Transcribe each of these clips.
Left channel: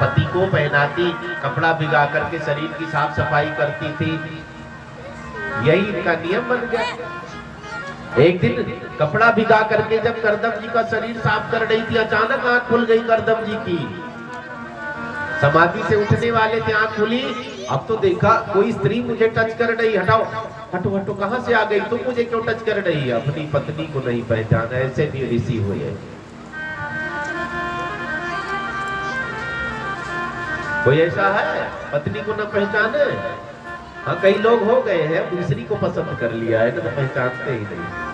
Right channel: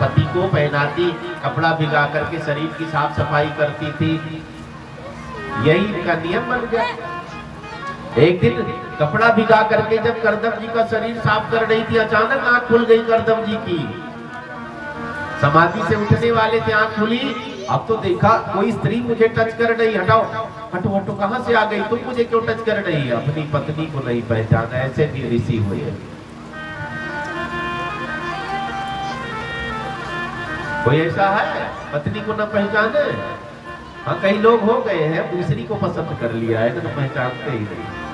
पति को पहनाती, कपड़ा भिगा करके शरीर की साफ सफाई करती थी। यही इनका नियम बन गया। एक दिन कपड़ा भिगा करके जब करदम जी का शरीर साफ कर रही थी, अचानक आंख खुल गई करदम जी की। समाधि से उठने वाले थे, आंख खुली। अब तो देखा कोई स्त्री मुझे टच कर रही, हटाओ हटो हटो, कहां से आ गई तुम, मुझे क्यों टच कर रही है। अपनी पत्नी को नहीं पहचाना, ऐसे भी ऋषि हुए हैं। कोई ऐसा है पत्नी को न पहचाने? हाँ, कई लोग हो गए हैं, दूसरी को पसंद कर लिया है तो पहचानते ही नहीं।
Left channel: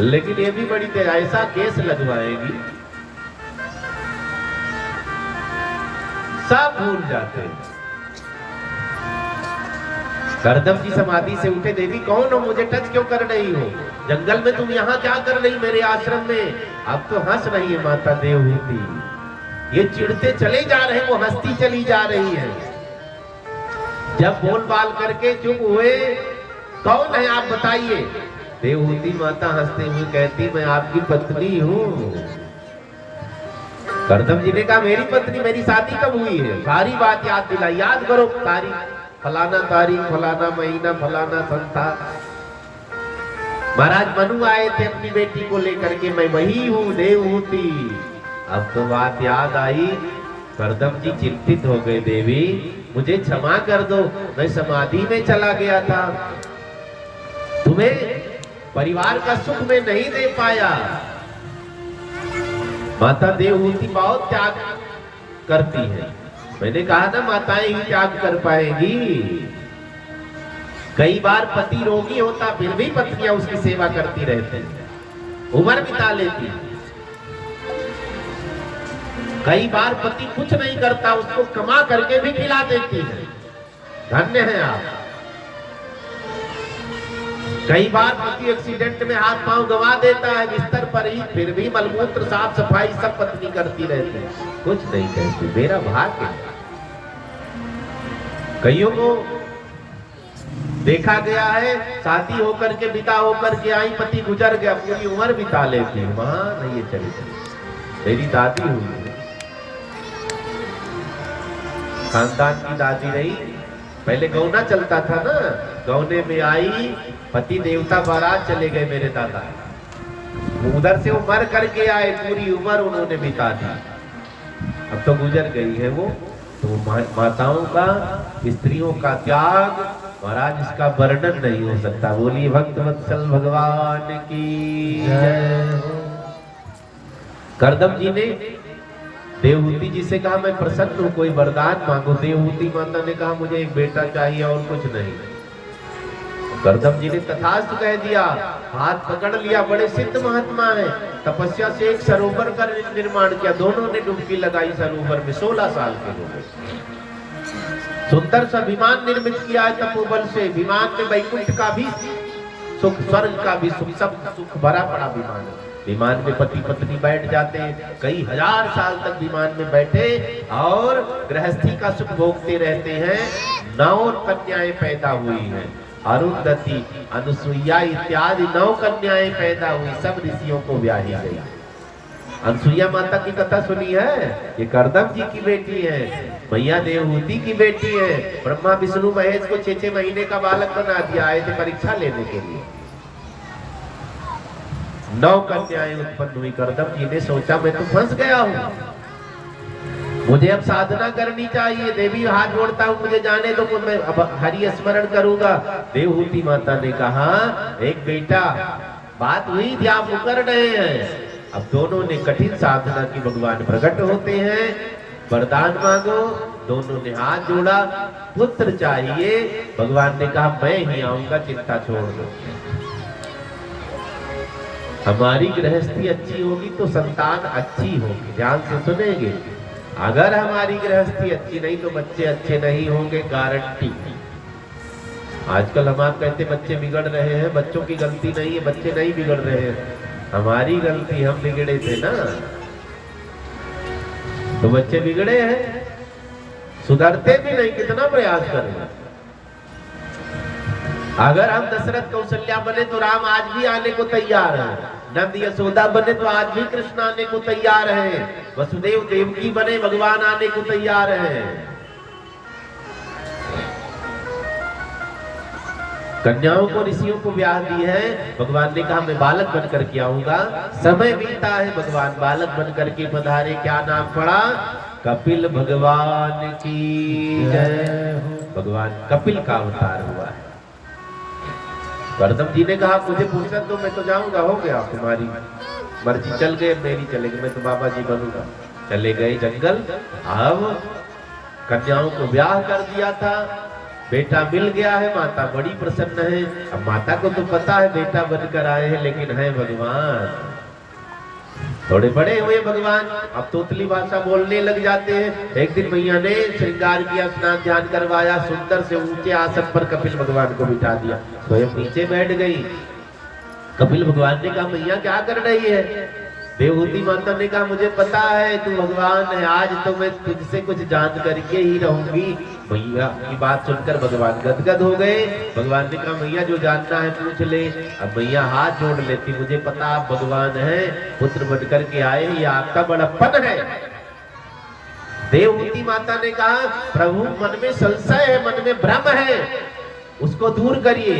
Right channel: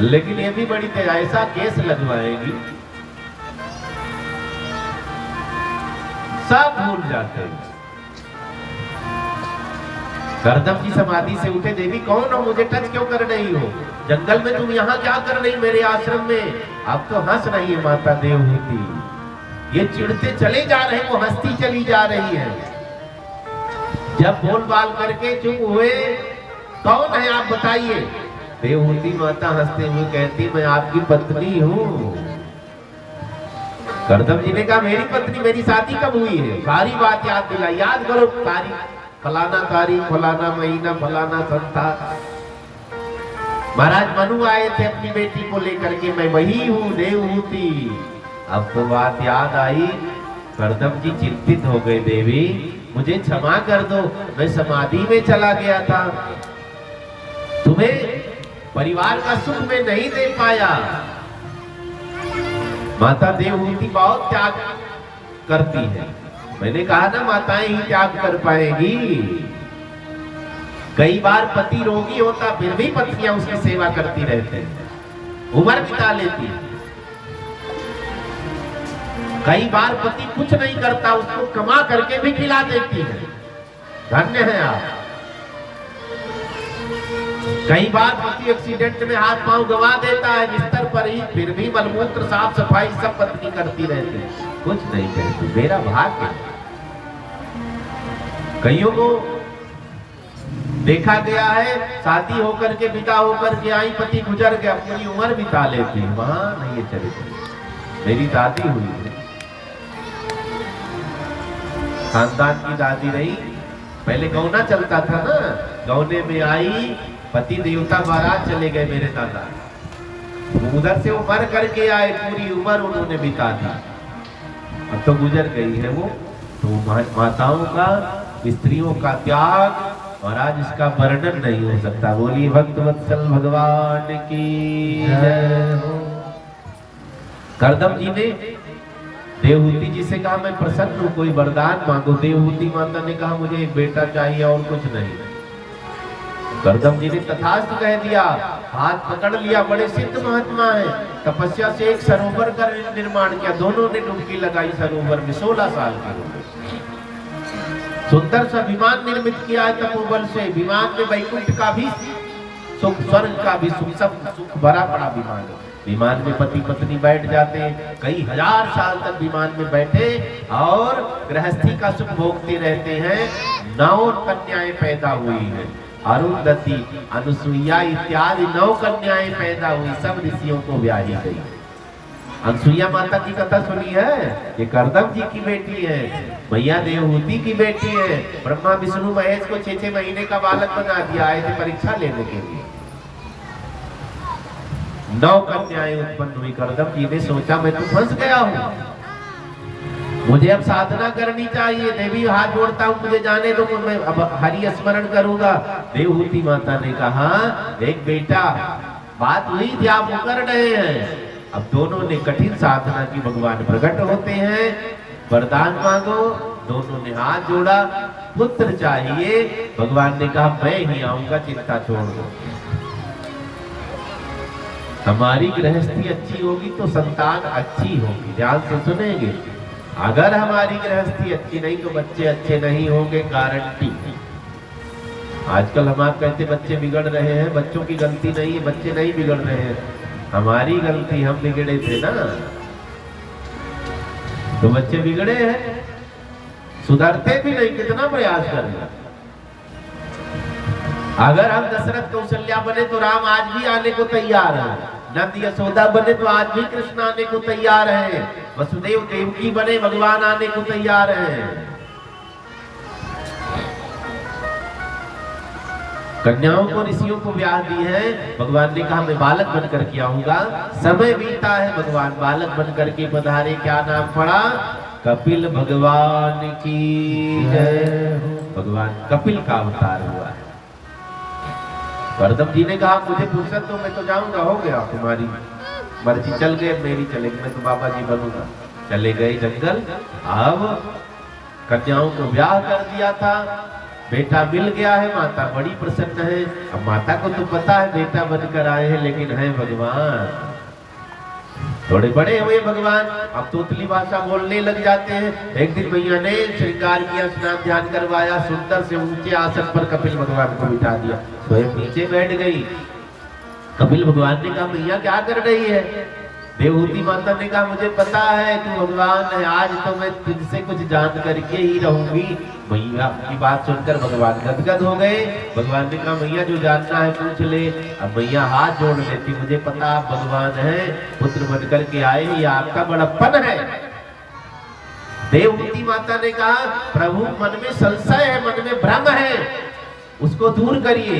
लेकिन ये भी बड़ी तेज, ऐसा केस लगवाएगी सब भूल जाते हैं। करदम की समाधि से उठे, देवी कौन हो, मुझे टच क्यों कर रही हो, जंगल में तुम यहाँ क्या कर रही मेरे आश्रम में। अब तो हंस रही है माता देवहूति, ये चिढ़ते चले जा रहे, वो हंसती चली जा रही है। जब बोल बाल करके चुप हुए, कौन है आप बताइए। देवहूति माता हंसते हुए कहती, मैं आपकी पत्नी हूँ। करदम जी ने कहा, मेरी पत्नी, मेरी शादी कब हुई है, सारी बात याद दिलाई, याद करो तारीख, फलाना तारीख, फलाना महीना, फलाना संता। महाराज मनु आए थे अपनी बेटी को लेकर के, मैं वही हूँ देवहूति। अब तो बात याद आई। करदम जी चिंतित हो गए, देवी मुझे क्षमा कर दो, मैं समाधि में चला गया था, तुम्हें परिवार का सुख में नहीं दे पाया। माता देवहूति बहुत त्याग करती है। मैंने कहा ना, माताएं ही त्याग कर पाएगी। कई बार पति रोगी होता फिर भी पत्नियां उसकी सेवा करती रहती हैं, उम्र बिता लेती। कई बार पति कुछ नहीं करता, उसको कमा करके भी खिला देती है। धन्य है आप। कई बार पति एक्सीडेंट में हाथ पांव गवा देता है बिस्तर पर ही, फिर भी मलमूत्र साफ सफाई सब पत्नी करती रहती है, कुछ नहीं कहती, मेरा भाग्य है। कईयों को देखा गया है, शादी होकर के विदा होकर के आई, पति गुजर गया, पूरी उम्र बिता लेती है, वहां नहीं ये चरित्र। मेरी दादी हुई है, खानदान की दादी रही। पहले गौना चलता था ना, गौने में आई, पति देवता बारात चले गए मेरे दादा, उधर से वो मर करके आए, पूरी उम्र उन्होंने बिता दी, अब तो गुजर गई है वो। तो माताओं का, स्त्रियों का त्याग महाराज, इसका वर्णन नहीं हो सकता। बोलिए भक्तवत्सल भगवान की जय हो। करदम जी ने देवहूति जी से कहा, मैं प्रसन्न हूँ, कोई वरदान मांगो। देवहूति माता ने कहा, मुझे एक बेटा चाहिए और कुछ नहीं। करदम जी ने तथास्तु कह दिया, हाथ पकड़ लिया। बड़े सिद्ध महात्मा है, तपस्या से एक सरोवर का निर्माण किया, दोनों ने डुबकी लगाई सरोवर में, 16 साल के लोग। सुंदर सा विमान निर्मित किया है तपोबल से, विमान में वैकुंठ का भी सुख, स्वर्ग का भी सुख, सब सुख भरा पड़ा विमान। विमान में पति पत्नी बैठ जाते हैं, कई हजार साल तक विमान में बैठे और गृहस्थी का सुख भोगते रहते हैं। 9 कन्याएं पैदा हुई हैं, अरुंधति, अनुसुईया इत्यादि 9 कन्याएं पैदा हुई, सब ऋषियों को ब्याही गई। अनुसुईया माता की कथा सुनी है, ये करदम जी की बेटी है, मैया देवहूति की बेटी है। ब्रह्मा विष्णु महेश को 6-6 महीने का बालक बना दिया, आए थे परीक्षा लेने के लिए। 9 कन्याएं उत्पन्न हुई। करदम जी ने सोचा, मैं तो फंस गया हूँ, मुझे अब साधना करनी चाहिए। देवी हाथ जोड़ता हूँ, मुझे जाने दो, मैं अब हरि स्मरण करूंगा। देवहूति माता ने कहा, एक बेटा बात हुई थी, आप मुकर रहे हैं। अब दोनों ने कठिन साधना की, भगवान प्रकट होते हैं, वरदान मांगो। दोनों ने हाथ जोड़ा, पुत्र चाहिए। भगवान ने कहा, मैं ही आऊंगा, चिंता छोड़ दो। हमारी गृहस्थी अच्छी होगी तो संतान अच्छी होगी, ध्यान से सुनेंगे। अगर हमारी गृहस्थी अच्छी नहीं तो बच्चे अच्छे नहीं होंगे, गारंटी। आजकल हम आप कहते बच्चे बिगड़ रहे हैं, बच्चों की गलती नहीं है, बच्चे नहीं बिगड़ रहे हैं, हमारी गलती, हम बिगड़े थे ना, तो बच्चे बिगड़े हैं, सुधरते भी नहीं, कितना प्रयास करें। अगर हम दशरथ कौशल्या बने तो राम आज भी आने को तैयार है, नंद यशोदा बने तो आज भी कृष्ण आने को तैयार है, वसुदेव देवकी बने भगवान आने को तैयार है। कन्याओं को ऋषियों को ब्याह दी है, भगवान ने कहा मैं बालक बनकर के आऊंगा। समय बीता है, भगवान बालक बनकर के पधारे। क्या नाम पड़ा? कपिल भगवान की जय। भगवान कपिल का अवतार हुआ है। गर्दम जी ने कहा मुझे फुर्सत तो मैं तो जाऊंगा, हो गया तुम्हारी मर्जी, चल गए, मेरी चलेगी, मैं तो बाबा जी बनूंगा। चले गए जंगल। अब कन्याओं को ब्याह कर दिया था, बेटा मिल गया है, माता बड़ी प्रसन्न है। अब माता को तो पता है बेटा बनकर आए हैं, लेकिन है भगवान, थोड़े बड़े हुए भगवान, अब तोतली भाषा बोलने लग जाते हैं। एक दिन मैया ने श्रृंगार किया, स्नान ध्यान करवाया, सुंदर से ऊंचे आसन पर कपिल भगवान को बिठा दिया, स्वयं नीचे बैठ गई। कपिल भगवान ने कहा मैया क्या कर रही है? देवहूति माता ने कहा मुझे पता है तू भगवान है, आज तो मैं तुझसे कुछ जान करके ही रहूंगी। मैया की बात सुनकर भगवान गदगद हो गए। भगवान ने कहा मैया जो जानना है पूछ ले। अब मैया हाथ जोड़ लेती, मुझे पता आप भगवान हैं, पुत्र बनकर के आए, ये आपका बड़प्पन है। देवहूति माता ने कहा प्रभु मन में संशय है, मन में भ्रम है, उसको दूर करिए।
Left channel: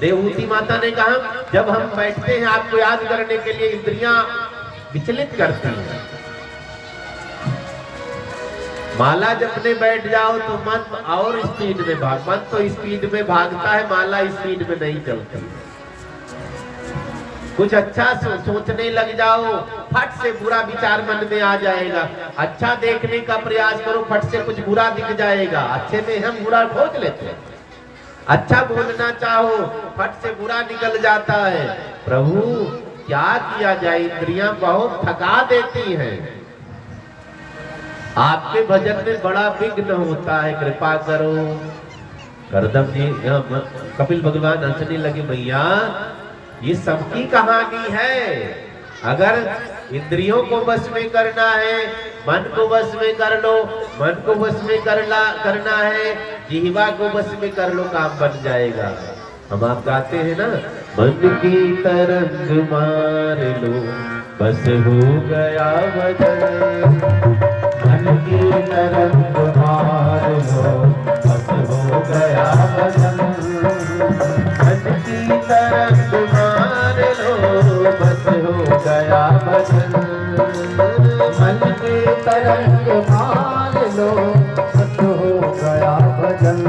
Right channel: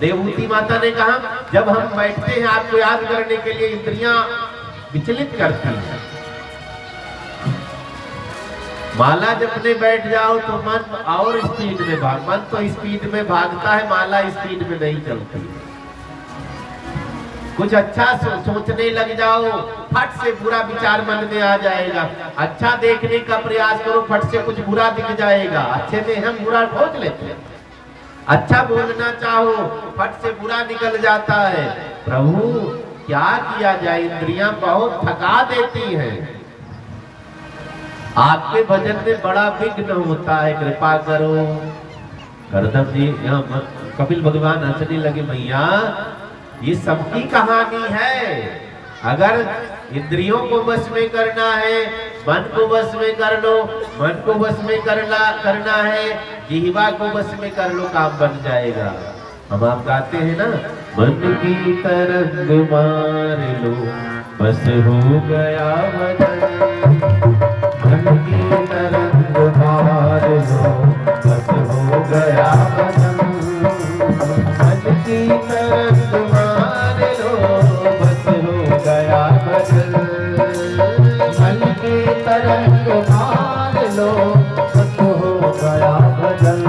देवहूति माता ने कहा जब हम बैठते हैं आपको याद करने के लिए, इंद्रियां विचलित करती है। माला जपने बैठ जाओ तो मन और स्पीड में मन तो स्पीड में भागता है, माला स्पीड में नहीं चलती। कुछ अच्छा सोचने लग जाओ, फट से बुरा विचार मन में आ जाएगा। अच्छा देखने का प्रयास करो, फट से कुछ बुरा दिख जाएगा। अच्छे में हम बुरा खोज लेते हैं। अच्छा बोलना चाहो, फट से बुरा निकल जाता है। प्रभु क्या किया जाए, इंद्रियां बहुत थका देती हैं। आपके भजन में बड़ा विघ्न होता है, कृपा करो। करदम जी कपिल भगवान हंसने लगे, मैया ये सबकी कहानी है। अगर इंद्रियों को वश में करना है, मन को वश में कर लो, मन को वश में करना है, जिह्वा को वश में कर लो, काम बन जाएगा। हम आप गाते हैं ना, मन की तरंग मार लो बस हो गया वजन, मन की तरंग मार लो बस हो गया वजन, मन की तरंग मार लो बस हो गया वजन, मन की तरंग मार लो बस हो गया वजन,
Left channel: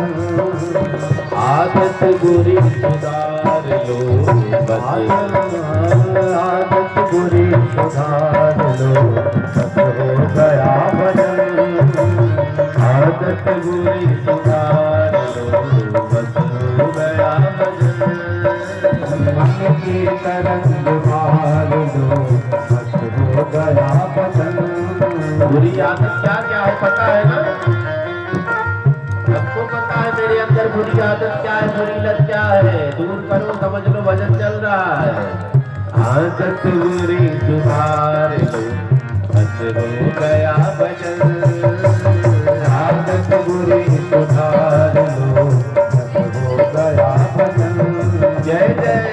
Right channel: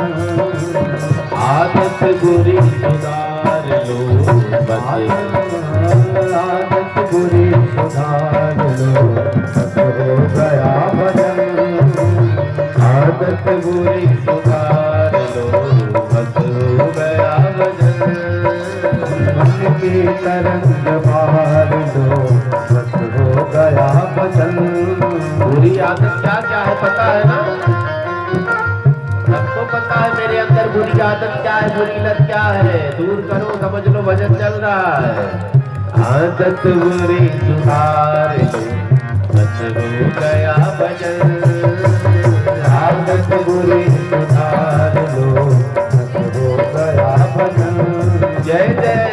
आदत बुरी सुधार लो आदत बुरी सुधार लो बस हो गया वजन, आदत बुरी सुधार लो बस हो गया वजन, मन की तरंग मार लो बस हो गया वजन। बुरी आदत क्या क्या है पता है ना? सबको पता है मेरे अंदर बुरी आदत क्या है, बुरी लत क्या है। दूर करो, समझ लो भजन चल रहा है। आदत बुरी सुधार लो बस हो गया भजन, आदत बुरी सुधार लो बस हो गया भजन। जय जय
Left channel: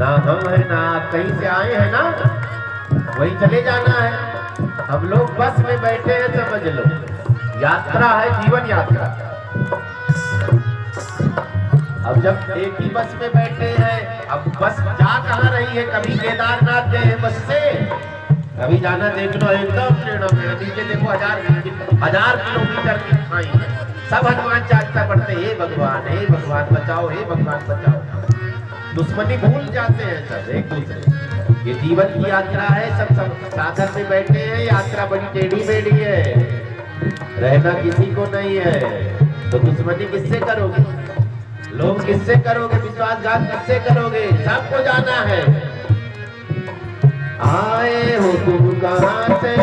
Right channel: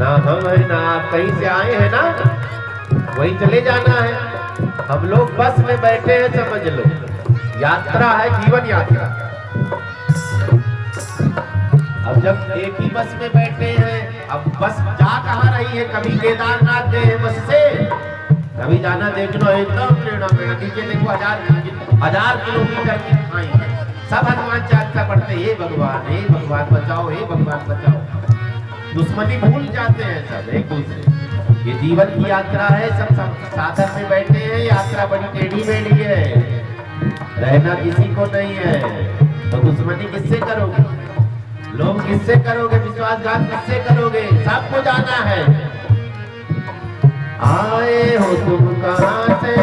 ना हम है ना आप कहीं से आए हैं ना, वहीं चले जाना है। हम लोग बस में बैठे हैं, समझ लो यात्रा है, जीवन यात्रा। अब जब एक ही बस में बैठे हैं, अब बस जा कहाँ रही है? कभी केदारनाथ गए हैं बस से, कभी जाना देख लो एकदम नीचे देखो 1000 किलोमीटर की खाई, सब हनुमान चालीसा पढ़ते, हे भगवान बचाओ, हे भगवान बचाओ। दुश्मनी भूल जाते हैं सब एक दूसरे। ये जीवन की यात्रा है, सब साधन में बैठे हैं, यात्रा बड़ी टेढ़ी मेढ़ी है, रहना किसी को नहीं है। तो दुश्मनी किससे करोगे, लोग किससे करोगे, विश्वासघात किससे करोगे, सबको जाना है। आए हो तुम कहाँ से,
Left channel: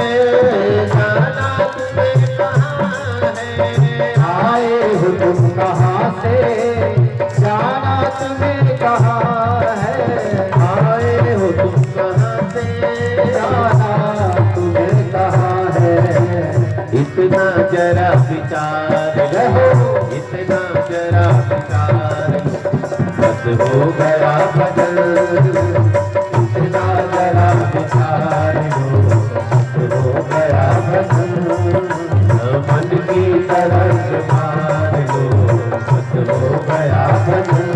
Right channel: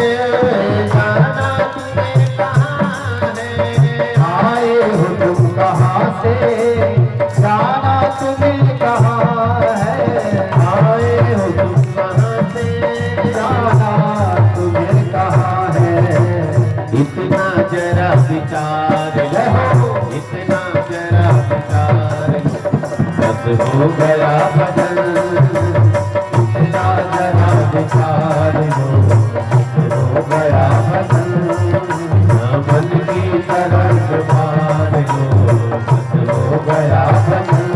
जाना तुम्हें कहाँ है। आए हो तुम कहाँ से, जाना तुम्हें कहाँ है। आए हो तुम कहाँ से, जाना तुम्हें कहाँ है। इतना जरा विचार लो, इतना जरा विचार लो, बस हो गया भजन। इतना जरा विचार लो, हो गया भजन। मन की तरफ मार लो, बस हो गया भजन।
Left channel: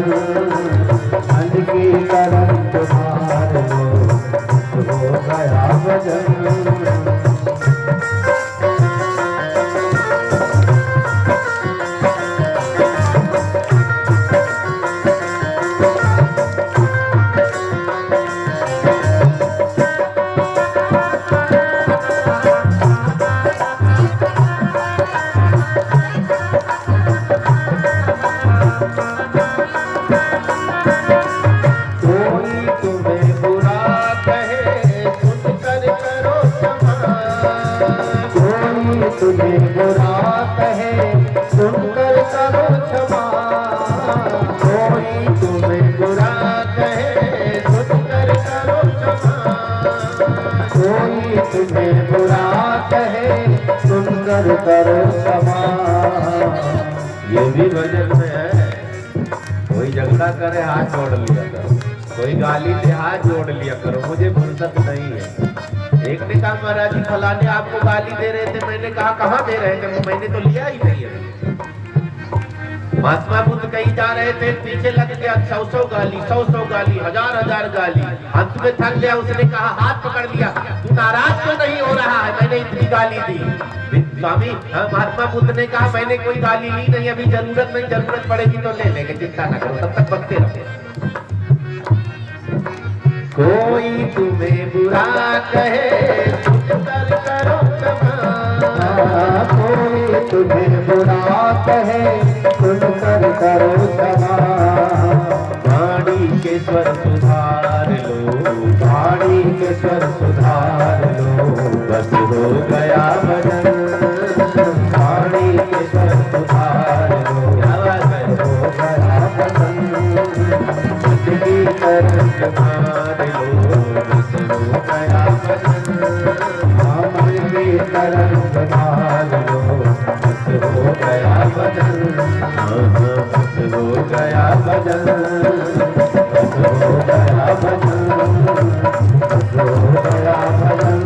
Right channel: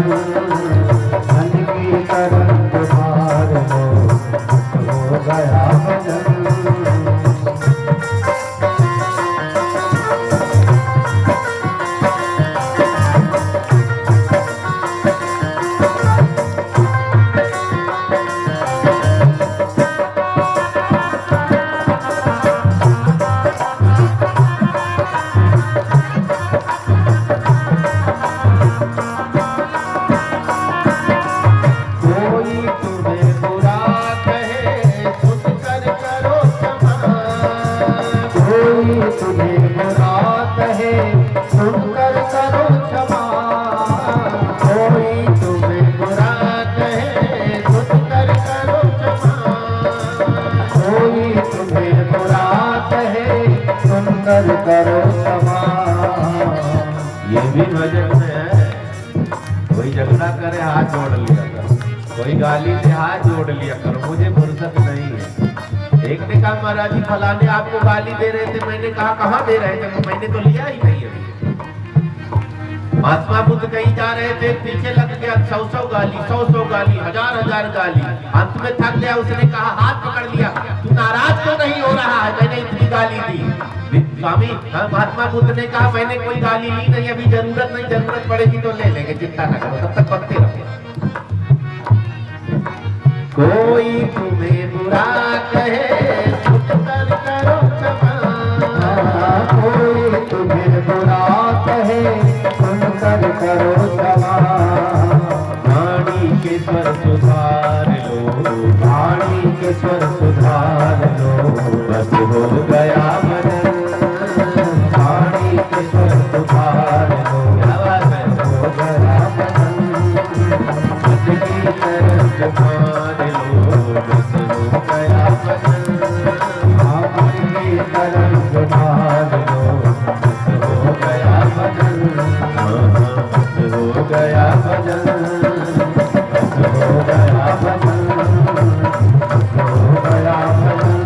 मन की तरफ मार लो, हो गया भजन। कोई तुम्हें बुरा कहे सुनकर करो क्षमा। कोई तुम्हें बुरा कहे सुनकर करो क्षमा। कोई तुम्हें बुरा कहे सुनकर करो क्षमा। कोई तुम्हें बुरा कहे सुनकर करो क्षमा। ये भी भजन में है। कोई झगड़ा करे हाथ जोड़ लिया करो, कोई गाली दे हाथ जोड़ लिया करो, मुझे फुर्सत नहीं है। एक ने कहा महाराज जी फलाने आपको गाली दे रहे थे, मैंने कहा कहाँ दे रहे थे, मैंने तो लिया ही नहीं है। महात्मा बुद्ध कहीं जा रहे थे, पीछे लग गया 100 गाली, 100 गाली, 1000 गाली। अंत में थक गया, उसने कहा हाथ पकड़ लिया, तू नाराज तो नहीं हो रहा है, मैंने इतनी गाली दी। स्वामी महात्मा बुद्ध ने कहा मैंने कोई गाली ली नहीं, अभी जरूरत नहीं, जरूरत पड़ेगी तो ले लेंगे, चिंता न करो, तब तक बकते रहो। कोई तुम्हें बुरा कहे सुनकर करो क्षमा। कोई तुम्हें बुरा कहे सुनकर करो क्षमा। वाणी के स्वर सुधार लो, वाणी के स्वर सुधार लो, बस हो गया भजन। वाणी के स्वर सुधार लो, क्या बात है, हो गया भजन। जिंदगी तरफ मान लो, बस हो गया भजन। मन की तरफ मार लो, बस हो गया भजन। बस हो गया भजन। बस हो गया भजन। बस हो गया भजन।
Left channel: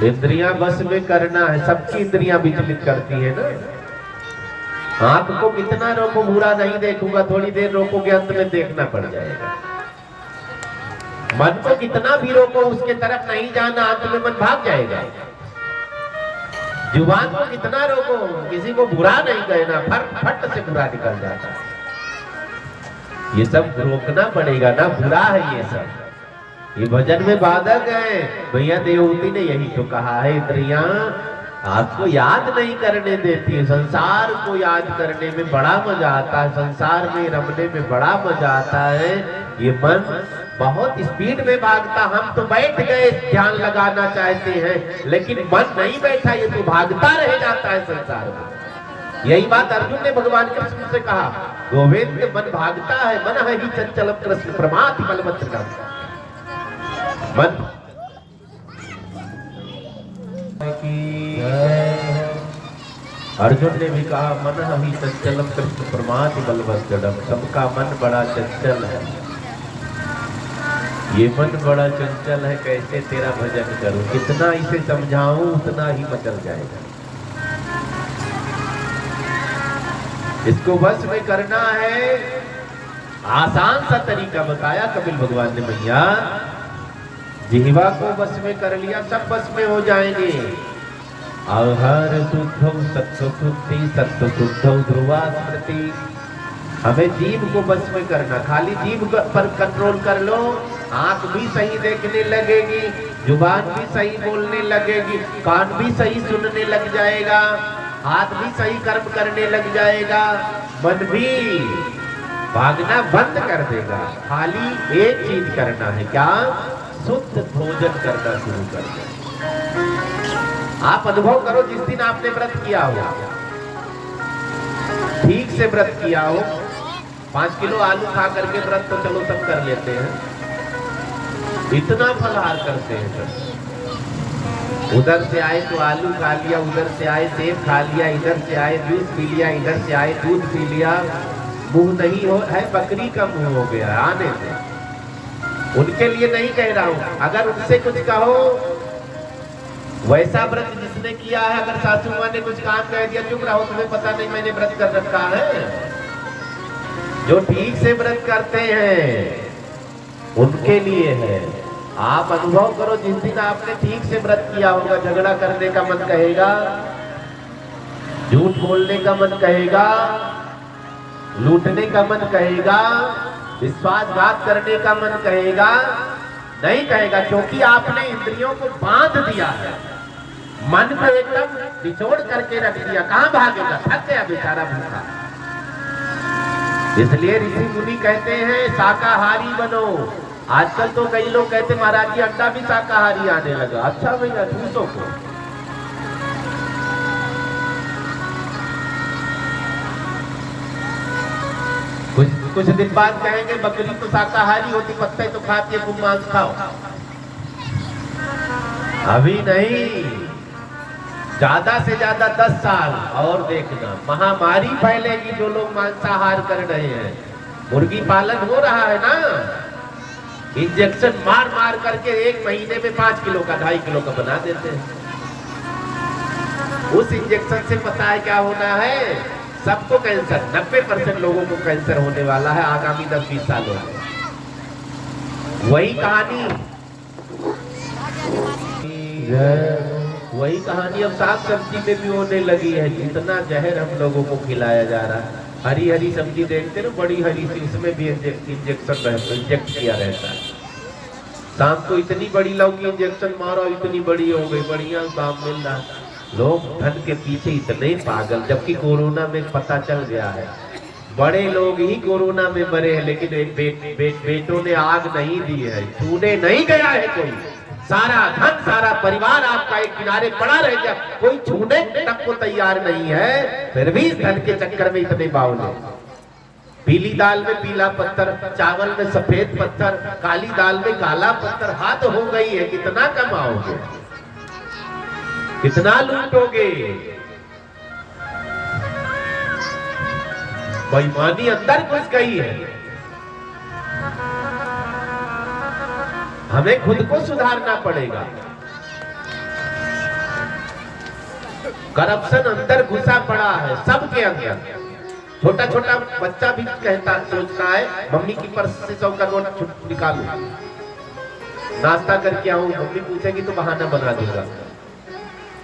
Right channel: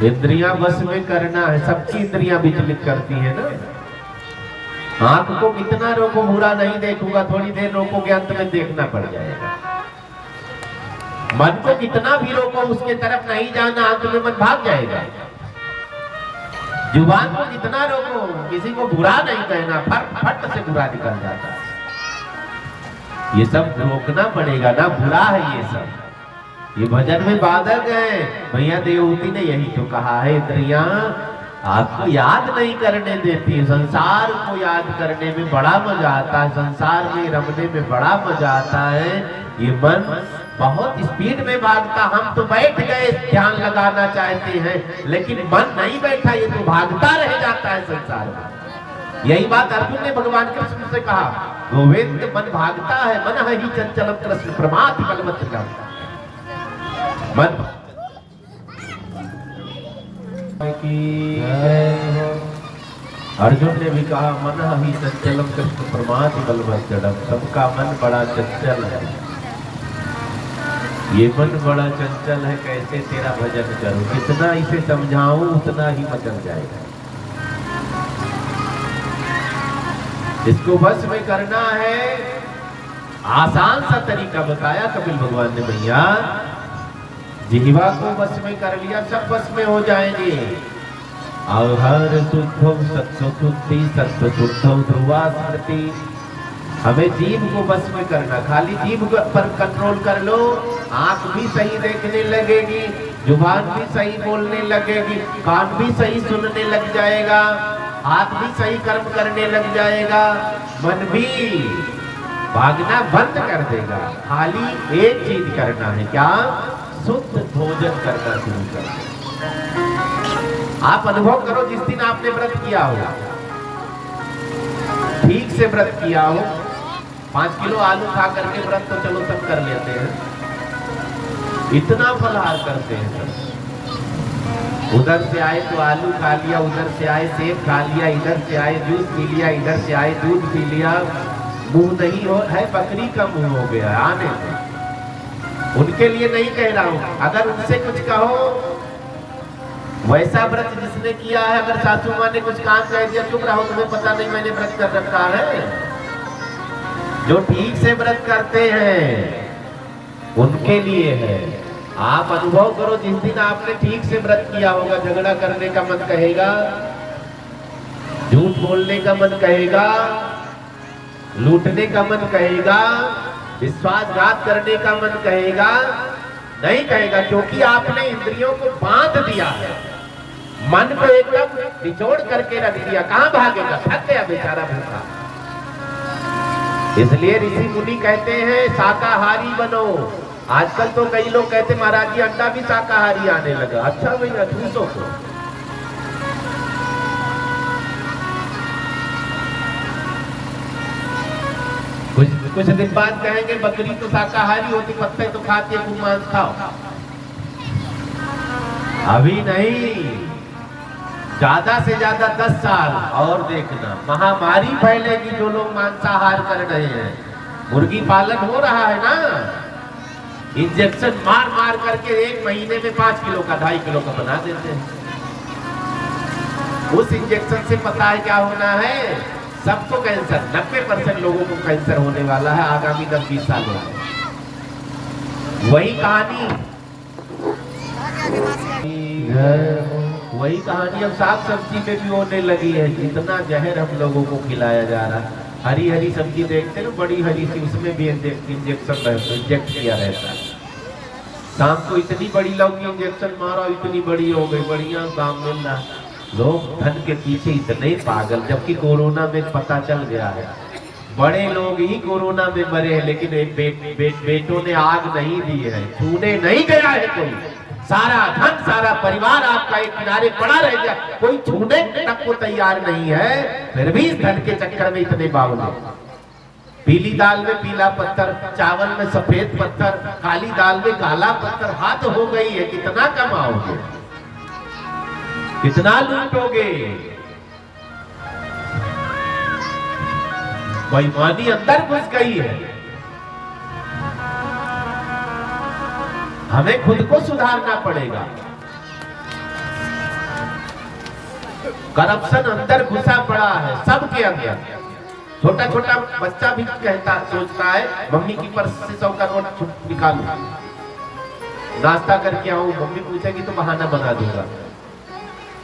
इंद्रियां बस में करना है, सबकी इंद्रियां विचलित करती है ना। आंख को कितना रोको, बुरा नहीं देखूंगा, थोड़ी देर रोकोगे, अंत में देखना पड़ जाएगा। मन को कितना भी रोको, उसके तरफ नहीं जाना, अंत में मन भाग जाएगा। जुबान को कितना रोको, किसी को बुरा नहीं कहना, फट से बुरा निकल जाता है। ये सब रोकना पड़ेगा ना, बुरा है ये सब। ये भजन में बाधक है। भैया देवहूति ने यही तो कहा है, इंद्रियां आपको याद नहीं करने देती। संसार को याद करने में बड़ा मजा आता है, संसार में रमने में बड़ा मजा आता है। ये मन बहुत स्पीड में भागता, हम तो बैठ गए ध्यान लगाना चाहते हैं, लेकिन मन नहीं बैठा, ये तो भागता रह जाता है संसार में। यही बात अर्जुन ने भगवान कृष्ण से कहा, गोविंद मन भागता है, मन ही चंचलम कृष्ण प्रमाथि बलवत् मन की। अर्जुन ने भी कहा मन ही चंचलम कृष्ण प्रमाथि बलवत् जडम। सबका मन बड़ा चंचल है, ये मन बड़ा चंचल है, कैसे तेरा भजन करूं, जितना इसे समझाऊं उतना ही मचल जाएगा। इसको बस में करना है, आसान सा तरीका बताया कपिल भगवान ने। भैया जिह्वा को बस में कर लिया, सब बस में हो जाएंगे। आहार शुद्धौ सत्व शुद्धि सत्व शुद्धौ ध्रुवा स्मृति। हमें जीभ को बस में करना, खाली जीभ पर कंट्रोल कर लो, आंख भी सही देखने लगेगी, जुबान भी सही बोलने लगेगी, कान भी सही सुनने लग जाएगा, हाथ भी सही कर्म करने लग जाएगा, मन भी भागना बंद कर देगा। खाली एक चीज करना है, क्या? शुद्ध भोजन करना शुरू कर दो। आप अनुभव करो, जिस दिन आपने व्रत किया हो, ठीक से व्रत किया हो, 5 किलो आलू खा करके व्रत तो चलो सब कर लेते हैं, इतना फलाहार करते हैं सब। उधर से आए तो आलू खा लिया, उधर से आए सेब खा लिया, इधर से आए जूस पी लिया, इधर से आए दूध पी लिया। मुंह नहीं हो है, बकरी का मुंह हो गया आने से। उनके लिए नहीं कह रहा हूं, अगर उनसे कुछ कहो, वैसा व्रत जिसने किया है, अगर सासू माँ ने कुछ काम कह दिया, चुप रहो, तुम्हें पता नहीं मैंने व्रत कर रखा है। जो ठीक से व्रत करते हैं उनके लिए है। आप अनुभव करो, जिस दिन आपने ठीक से व्रत किया होगा, झगड़ा करने का मन कहेगा, झूठ बोलने का मन कहेगा, लूटने का मन कहेगा, विश्वासघात करने का मन कहेगा, नहीं कहेगा, क्योंकि आपने इंद्रियों को बांध दिया है, मन को एकदम निचोड़ करके रख दिया। कहां भागेगा? थक गया बेचारा भूखा। इसलिए ऋषि मुनि कहते हैं शाकाहारी बनो। आजकल तो कई लोग कहते महाराज जी अंडा भी शाकाहारी आने लगा। अच्छा भैया, ठूसो को कुछ दिन बाद कहेंगे बकरी तो शाकाहारी हो, तो पत्ते तो खाती है, तुम मांस खाओ। अभी नहीं, ज्यादा से ज्यादा 10 साल और देखना, महामारी फैलेगी जो लोग मांसाहार कर रहे हैं। मुर्गी पालन हो रहा है ना, इंजेक्शन मार मार करके 1 महीने में 5 किलो का 2.5 किलो का बना देते हैं। उस इंजेक्शन से पता है क्या होना है? सबको कैंसर, 90% लोगों को कैंसर होने वाला है आगामी 10-20 सालों में। वही कहानी अब साग सब्जी में भी होने लगी है। इतना जहर हम लोगों को खिलाया जा रहा है। हरी हरी सब्जी देखते ना, बड़ी हरी सी, उसमें भी इंजेक्शन इंजेक्ट किया रहता है। शाम को इतनी बड़ी लौकी इंजेक्शन मारो, इतनी बड़ी हो गई, बढ़िया काम मिल रहा है। लोग धन के पीछे इतने पागल, जबकि कोरोना में पता चल गया है बड़े लोग ही कोरोना में मरे हैं, लेकिन बेटों ने आग नहीं दी है, छूने नहीं गया है कोई। सारा धन, सारा परिवार आपका एक किनारे पड़ा रह गया, कोई छूने तक को तैयार नहीं है। फिर भी इस धन के चक्कर में इतने बावले। पीली दाल में पीला पत्थर, चावल में सफेद पत्थर, काली दाल में काला पत्थर, हाथ हो गई है। कितना कमाओगे, कितना लूटोगे? बेईमानी अंदर घुस गई है। हमें खुद को सुधारना पड़ेगा। करप्शन अंदर घुसा पड़ा है सबके अंदर। छोटा छोटा बच्चा भी कहता, सोचता है मम्मी की पर्स से 100 का नोट निकालूं, नाश्ता करके आऊं, मम्मी पूछेगी तो बहाना बना दूंगा।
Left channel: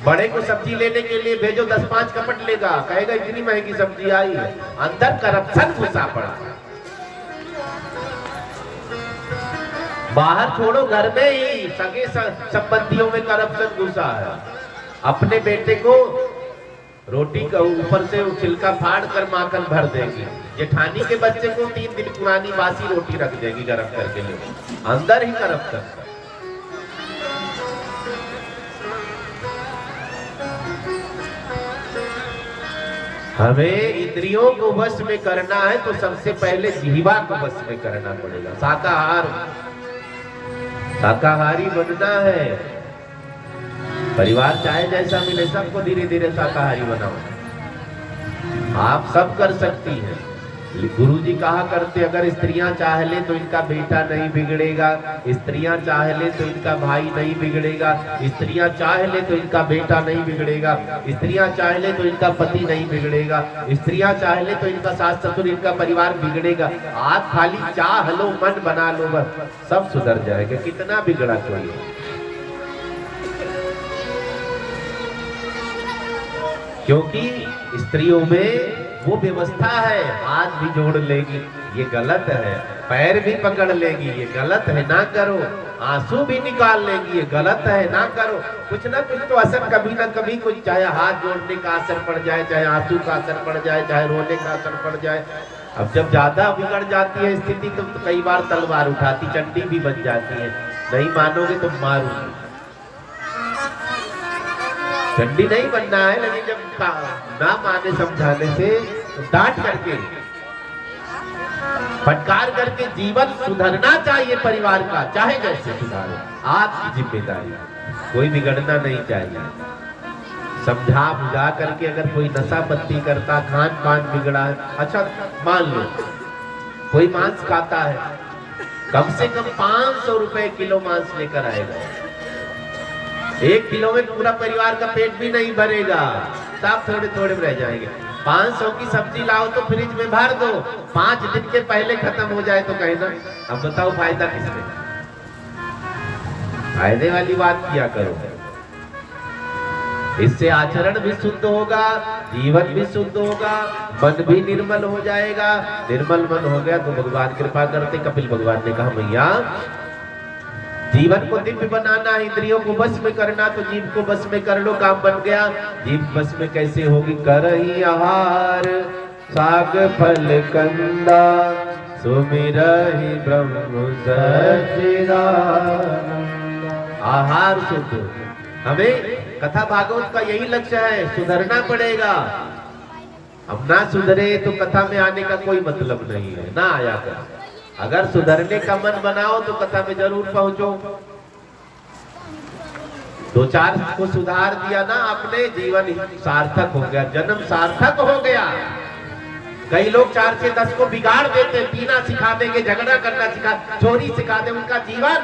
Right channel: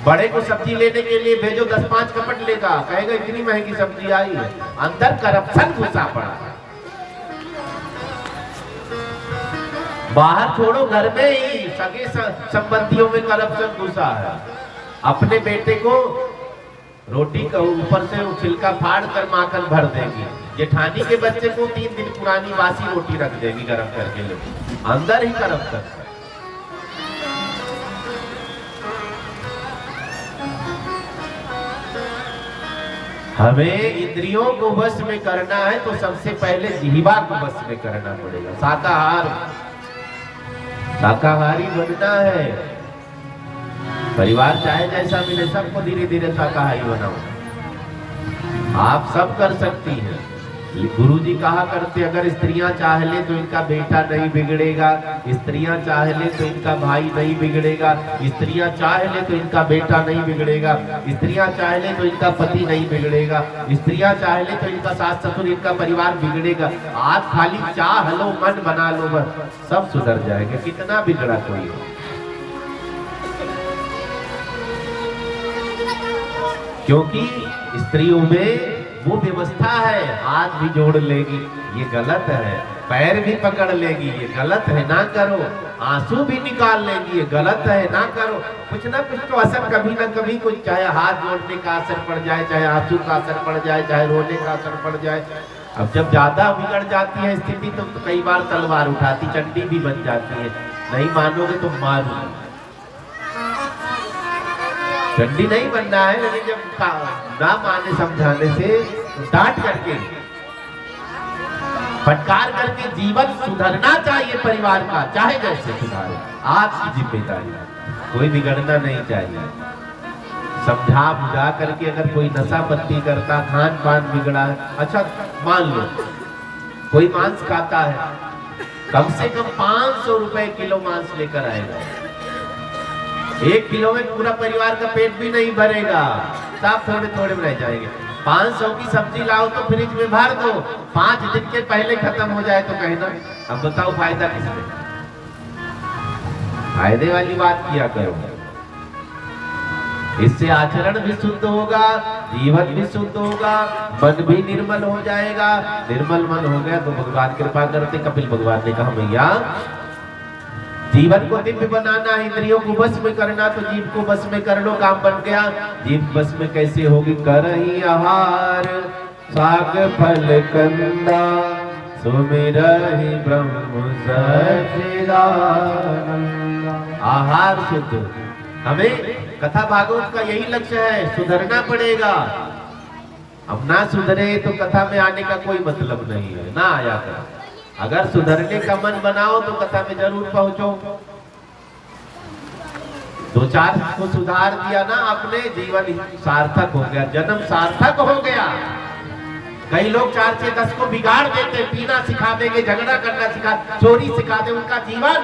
बड़े को सब्जी लेने के लिए भेजो, 10-5 कपट लेगा, कहेगा इतनी महंगी सब्जी आई है। अंदर करप्शन घुसा पड़ा। बाहर छोड़ो, घर में ही सगे संबंधियों में करप्शन घुसा है। अपने बेटे को रोटी का ऊपर से छिलका फाड़ कर माखन भर देगी, जेठानी के बच्चे को 3 दिन पुरानी बासी रोटी रख देगी गरम करके। अंदर ही करप्शन। हमें इंद्रियों को वश में करना है तो सबसे पहले जिह्वा को वश में करना पड़ेगा। शाकाहारी बनना है। परिवार चाहे जैसा मिले, सबको धीरे धीरे शाकाहारी बनाओ। आप सब कर सकती हैं। गुरुजी कहा करते, अगर स्त्रियां चाह ले तो इनका बेटा नहीं बिगड़ेगा, स्त्रियां चाह ले तो इनका भाई नहीं बिगड़ेगा, स्त्रियां चाह ले तो इनका बेटा नहीं बिगड़ेगा, स्त्रियां चाह ले तो इनका पति नहीं बिगड़ेगा, स्त्रियां चाह ले तो इनका सास ससुर, इनका परिवार बिगड़ेगा। आप खाली चाह लो, मन बना लो, बस सब सुधर जाएगा। कितना बिगड़ा कोई। क्योंकि स्त्रियों में वो व्यवस्था है, हाथ भी जोड़ लेगी, ये गलत है। पैर भी पकड़ लेगी, ये गलत है, ना करो। आंसू भी निकाल लेगी, ये गलत है, ना करो। कुछ ना कुछ तो असर कभी ना कभी कुछ, चाहे हाथ जोड़ने का असर पड़ जाए, चाहे आंसू का असर पड़ जाए, चाहे रोने का असर पड़ जाए। अब जब ज्यादा बिगड़ जाती है स्थिति तो कई बार तलवार उठाती, चंडी भी बन जाती है। नहीं मानोगे तो मारूंगी। चंडी नहीं बनना है, लेकिन जब ना माने समझाने से तो डांट करके, फटकार करके जीवन सुधरना चाहिए परिवार का, चाहे जैसे सुधारे, आपकी जिम्मेदारी। कोई बिगड़ना नहीं चाहिए। समझा बुझा करके अगर कोई नशा पत्ती करता, खान पान बिगड़ा है, अच्छा मान लो कोई मांस खाता है, कम से कम 500 रुपए किलो मांस लेकर आएगा। 1 किलो में पूरा परिवार का पेट भी नहीं भरेगा, सब थोड़े थोड़े रह जाएंगे। 500 की सब्जी लाओ तो फ्रिज में भर दो, 5 दिन के पहले खत्म हो जाए तो कहना। अब बताओ फायदा किसमें? फायदे वाली बात किया करो। इससे आचरण भी शुद्ध होगा, जीवन भी शुद्ध होगा, मन भी निर्मल हो जाएगा। निर्मल मन हो गया तो भगवान कृपा करते। कपिल भगवान ने कहा मैया जीवन को दिव्य बनाना, इंद्रियों को बस में करना, तो जीव को बस में कर लो, काम बन गया। जीव बस में कैसे होगी? करही आहार साग फल कंदा, सुमिरहि ब्रह्म सच्चिदानंद। आहार शुद्ध। हमें कथा भागवत का यही लक्ष्य है, सुधरना पड़ेगा। अब ना सुधरे तो कथा में आने का कोई मतलब नहीं है, ना आया कर। अगर सुधरने का मन बनाओ तो कथा में जरूर पहुंचो। 2-4 को सुधार दिया ना आपने, जीवन सार्थक हो गया, जन्म सार्थक हो गया। कई लोग 4 से 10 को बिगाड़ देते, पीना सिखा देंगे, झगड़ा करना सिखा, चोरी सिखा दे, उनका जीवन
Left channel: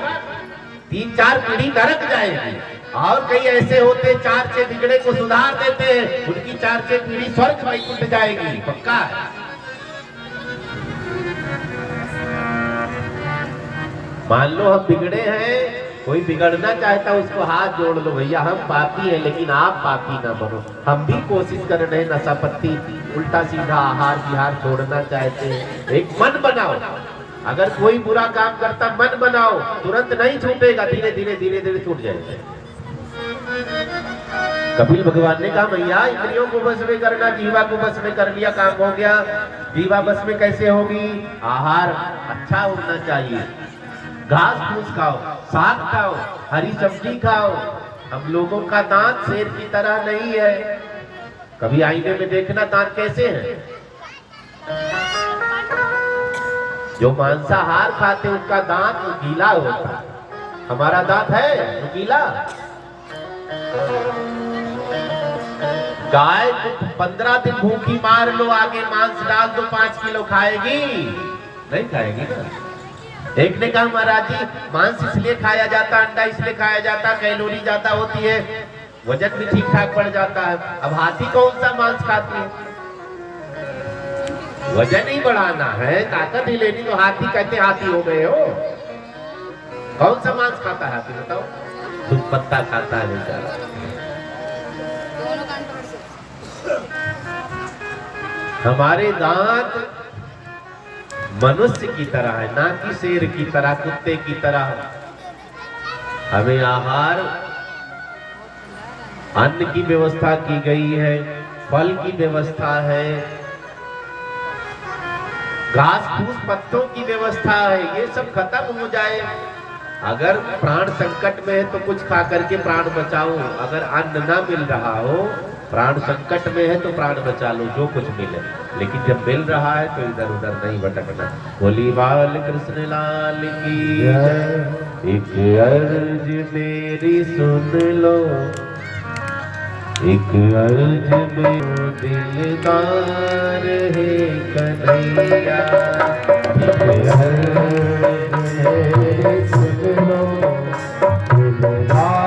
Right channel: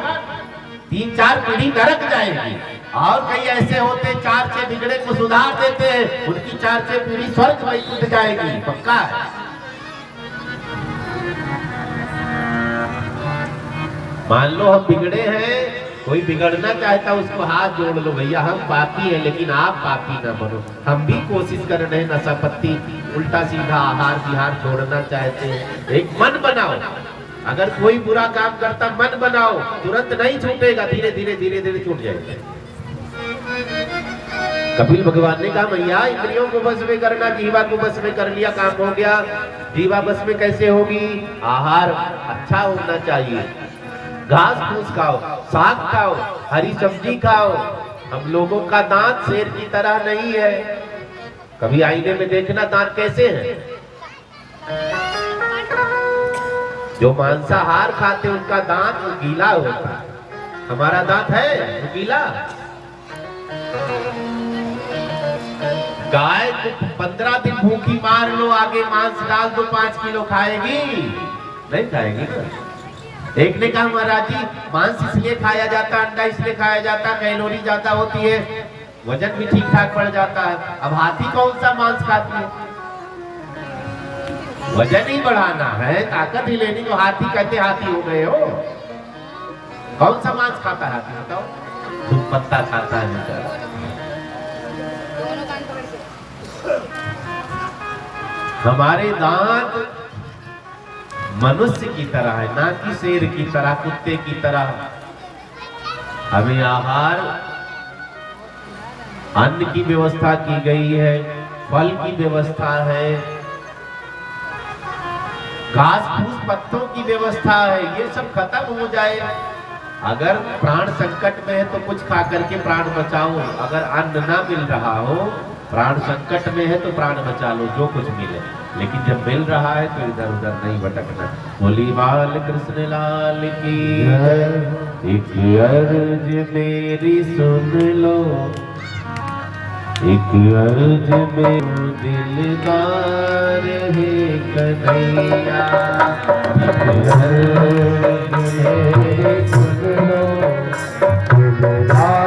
3-4 पीढ़ी नरक जाएगी। और कई ऐसे होते 4 से बिगड़े को सुधार देते हैं, उनकी 4 से पीढ़ी स्वर्ग में उठ जाएगी, पक्का है। मान लो हम बिगड़े हैं, कोई बिगड़ना चाहता उसको हाथ जोड़ लो, भैया हम पापी हैं लेकिन आप पापी ना बनो। हम भी कोशिश कर रहे हैं, नशा पत्ती उल्टा सीधा आहार विहार छोड़ना चाहते हैं। एक मन बनाओ, अगर कोई बुरा काम करता मन बनाओ, तुरंत नहीं छूटेगा, धीरे धीरे धीरे धीरे छूट जाएगा। कपिल भगवान ने कहा भैया इंद्रियों को बस में करना, जीवा को बस में कर लिया, काम हो गया। जीवा बस में कैसे होगी? आहार अच्छा होना चाहिए, घास फूस खाओ, साग खाओ, हरी सब्जी खाओ। हम लोगों का दांत शेर की तरह नहीं है। कभी आईने में देखना दांत कैसे हैं। जो मांसाहार खाते उनका दांत गीला होता, हमारा दांत है गीला। गाय तो 15 दिन भूखी मार लो, आगे मांस डाल दो, 5 किलो खाएगी? नहीं खाएगी ना। देखने का महाराज जी, मांस इसलिए खाया जाता, अंडा इसलिए खाया जाता, कैलोरी ज्यादा होती है, वजन भी ठीक ठाक बढ़ जाता है। अब हाथी कौन सा मांस खाती है? वजन ही बढ़ाना है, ताकत ही लेनी, तो हाथी कहते हाथी हो गए हो। कौन सा मांस खाता है हाथी बताओ? दूध पत्ता खाता है बेचारा। हमारे दांत मनुष्य की तरह है, ना कि शेर की तरह, कुत्ते की तरह। हमें आहार, अन्न की व्यवस्था की गई है, फल की व्यवस्था है, घास फूस पत्तों की व्यवस्था है। ये सब खत्म हो जाए। अगर प्राण संकट में है तो कुछ खा करके प्राण बचाओ। अगर अन्न ना मिल रहा हो, प्राण संकट में है तो प्राण बचा लो, जो कुछ मिले। लेकिन जब मिल रहा है तो इधर उधर नहीं भटकना। बोली बाल कृष्ण लाल की जय। एक अर्ज मेरी सुन लो, एक अर्ज में दिलदार है कन्हैया। एक अर्ज मेरी सुन लो, दिलदार